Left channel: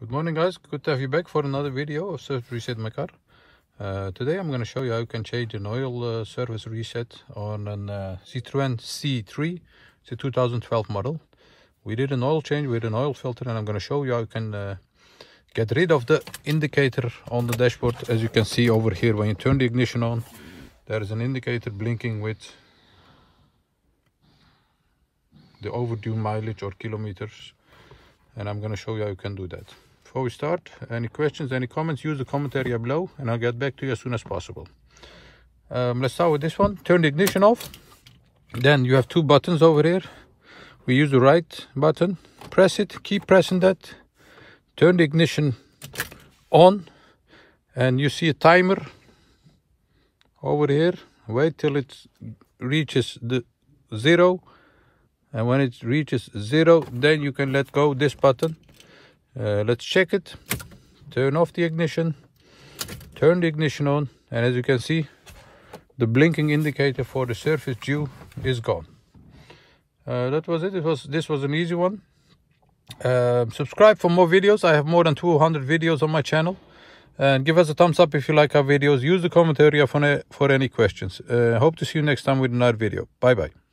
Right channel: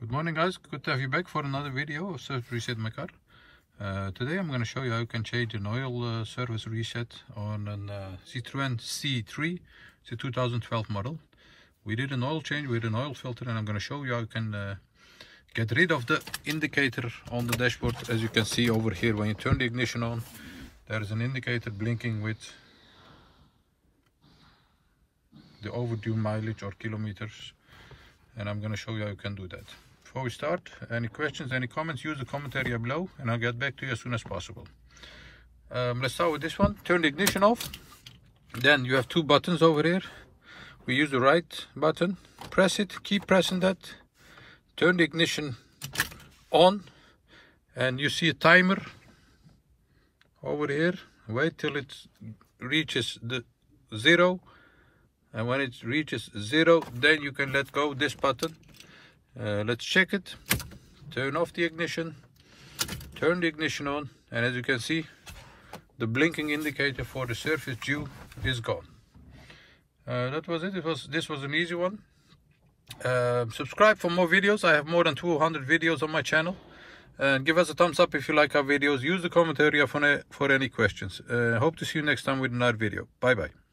Good morning guys, good to have you back for another video of service reset my car. Today I'm going to show you how you can change an oil service reset on a Citroen C3. It's a 2012 model. We did an oil change with an oil filter, and I'm going to show you how you can get rid of the indicator on the dashboard. As you can see over here, when you turn the ignition on, there is an indicator blinking with the overdue mileage or kilometers, and I'm going to show you how you can do that. Before we start, any questions, any comments, use the comment area below and I'll get back to you as soon as possible. Let's start with this one. Turn the ignition off. Then you have two buttons over here. We use the right button, press it, keep pressing that, turn the ignition on, and you see a timer over here. Wait till it reaches the 0, and when it reaches 0, then you can let go this button. Let's check it. Turn off the ignition, turn the ignition on, and as you can see, the blinking indicator for the service due is gone. That was it. This was an easy one. Subscribe for more videos. I have more than 200 videos on my channel, and give us a thumbs up if you like our videos. Use the comment area for any questions. Hope to see you next time with another video. Bye bye.